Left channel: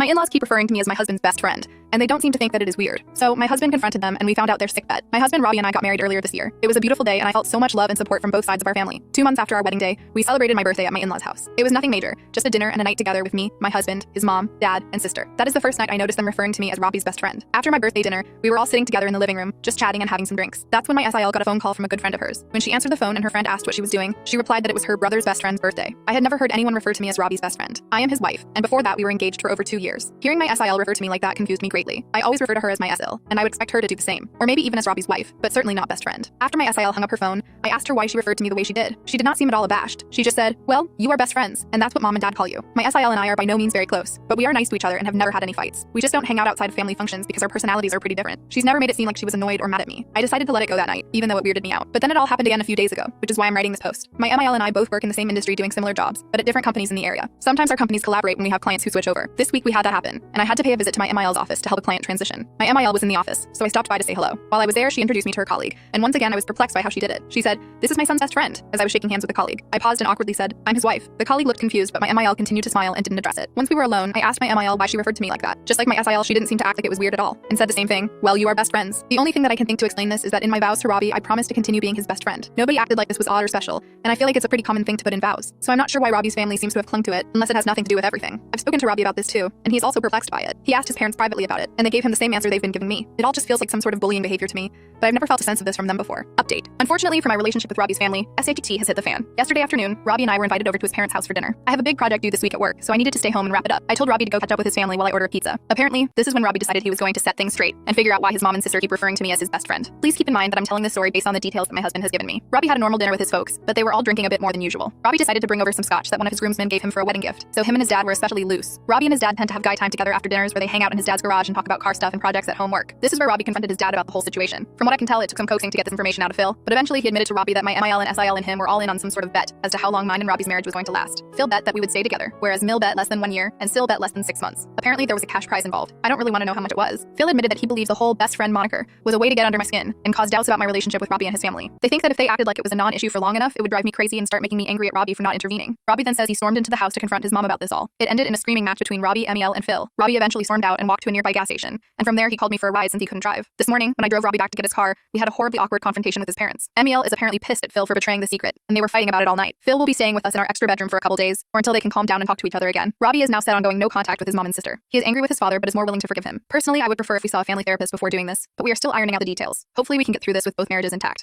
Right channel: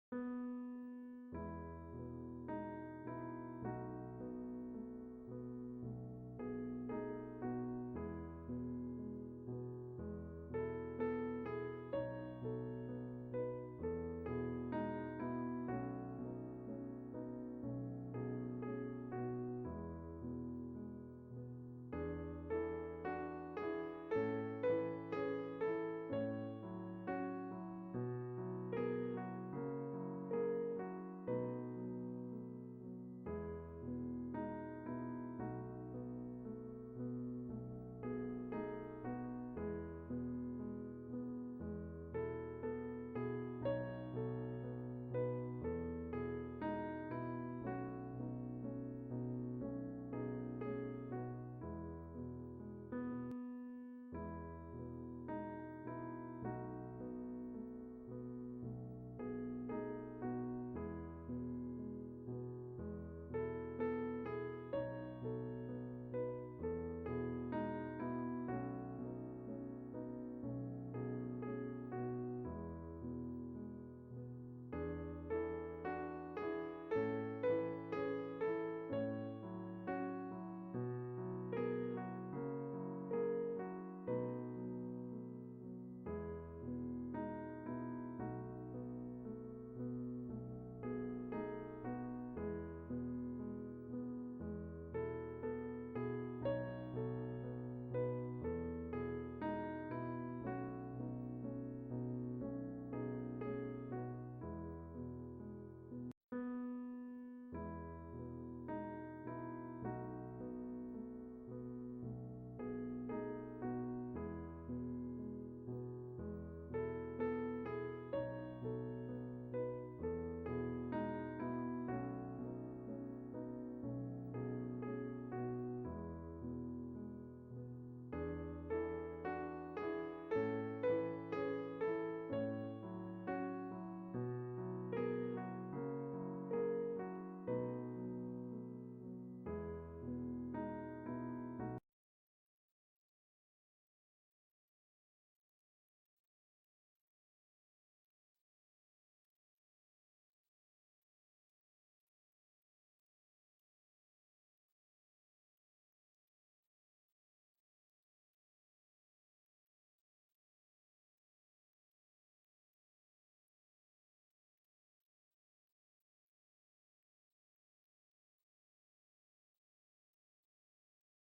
My in-laws keep referring to me as my husband's best friend, and they don't seem to think that it is weird. So my husband confronted them and we found out their sick bet. My husband Robbie and I got married earlier this year. It was a beautiful day and I felt so much love and support from both sides of our family. 2 months after our wedding day, we celebrated my birthday at my in-laws' house. It was nothing major, just a dinner and a night together with me, my husband, his mom, dad, and sister. That is the first night I noticed them referring to me as Robbie's best friend. After my birthday dinner, we were all sitting together in the living room, just chatting and having some drinks. That's when my SIL got a phone call from a good friend of hers. When she answered the phone and her friend asked what she was doing, she replied that it was her brother's best friend's birthday. I had never heard anyone refer to me as Robbie's best friend. I am his wife, and before that we were engaged for over 2 years. Hearing my SIL refer to me like that confused me greatly. I always refer to her as my SIL, and I would expect her to do the same, or maybe even as Robbie's wife, but certainly not best friend. After my SIL hung up her phone, I asked her why she referred to me the way she did. She did not seem at all abashed. She just said, "Well, you are best friends, and that's what mom and dad call you." My SIL and I are by no means very close, but we are nice to each other and have never had any fights. We just don't hang out outside of family functions because our personalities are pretty different. She's never made it seem like she was annoyed or mad at me. I decided to let it go that night, even though it weirded me out. But then it all happened again a few days ago, which is why I'm writing this post. My MIL and I both work in the same industry doing similar jobs, but at different companies in the area. Sometimes our companies collaborate when we have clients who switch over. This week we had that happen, and I had to pay a visit to my MIL's office to help a client transition. My MIL was in the office, so I stopped by to say hello. While I was there, she introduced me to her colleague, and once again I was perplexed by how she did it. She said, "This is my son's best friend," as I was shaking hands with the colleague. I paused and awkwardly said, "I'm his wife." The colleague looked confused, but my MIL continued to smile and didn't address it. Once we were alone, I asked my MIL why she referred to me like that. Just like my SIL, she didn't seem to act like it was weird at all, and said the same thing, "Well, you are best friends." The only thing that I can think to explain this is that in my vows to Robbie, I promised to continue being his best friend. Nobody acted like this was odd or special, and I feel like it's a pretty common thing to put in vows. So I'm not sure why Robbie's family seems to have clung to it, unless it has nothing to do with everything. I've spoken to Robbie about this too, and he's also perplexed by it. He asked his parents privately about it, and they gave him the same answer they've been giving me. It all just feels like some sort of bullying behavior to me, but I've never felt a sense of this from them before. Update. Unfortunately for my relationship with Robbie's family, SATT has hit the fan. Yesterday afternoon, Robbie and I were invited over to his parents' house for dinner. I have a big project due this week at work, so I needed to stay home and wrap it up. I told Robbie to go catch up with his family while I order a pizza. Apparently, this is when Robbie decided he was going to set things straight and figure out why his mom and sister keep referring to me as his best friend. Please keep in mind that I'm telling this story based on the details that my husband has given me. Robbie had a normal dinner with his folks, but they were all drinking a bit more than usual. Robbie decided to bring over some scotch that one of his groomsmen gave him for a wedding gift, so him and his dad were especially loose. Robbie and his dad tend to have guy time together after dinners where they hang out in his dad's garage and talk about car stuff and projects at home work. This is where Robbie confronted his dad about the whole situation. From what I can tell, it took some coaxing to get this information out of Phil, but eventually he admitted to Robbie that my MIL and SIL and him were all in on some sort of bet as to how long mine and Robbie's marriage was going to last. Phil bet that we would stay together, whereas Mill bet less than 1 year and Sil bet less than 6 months. Apparently there was a cash prize involved. I don't really want to know how much it was. Phil admitted that he believes the whole best friend moniker was a way to get under my skin and cause doubts about my relationship with Robbie and his family. They think that if they acted like it was a non-issue for long enough, it would drive me crazy and start making me angry at Robbie for not intervening. Robbie then says he stormed into the house to confront his mom about this all. It ended in a screaming match between Robbie, ML, and Phil. Robbie eventually stormed out and walked to a nearby gas station, and from there he called me for a ride since he couldn't drive. This morning, when I drove Robbie back to get his car, we had a horribly awkward confrontation with his parents. ML is apparently pissed at Phil for betraying the secret, and they were fighting about it all night. Phil will be staying with us in our extra bedroom for a couple days, or until they can calm down and talk to each other again. Robbie is now set on going no contact with his mom and sister. He is angry with his father, but is more willing to forgive him. Personally, I would prefer if we saw a family therapist before doing this, but we are still ironing out the details. Hopefully we can get through this with both marriages intact.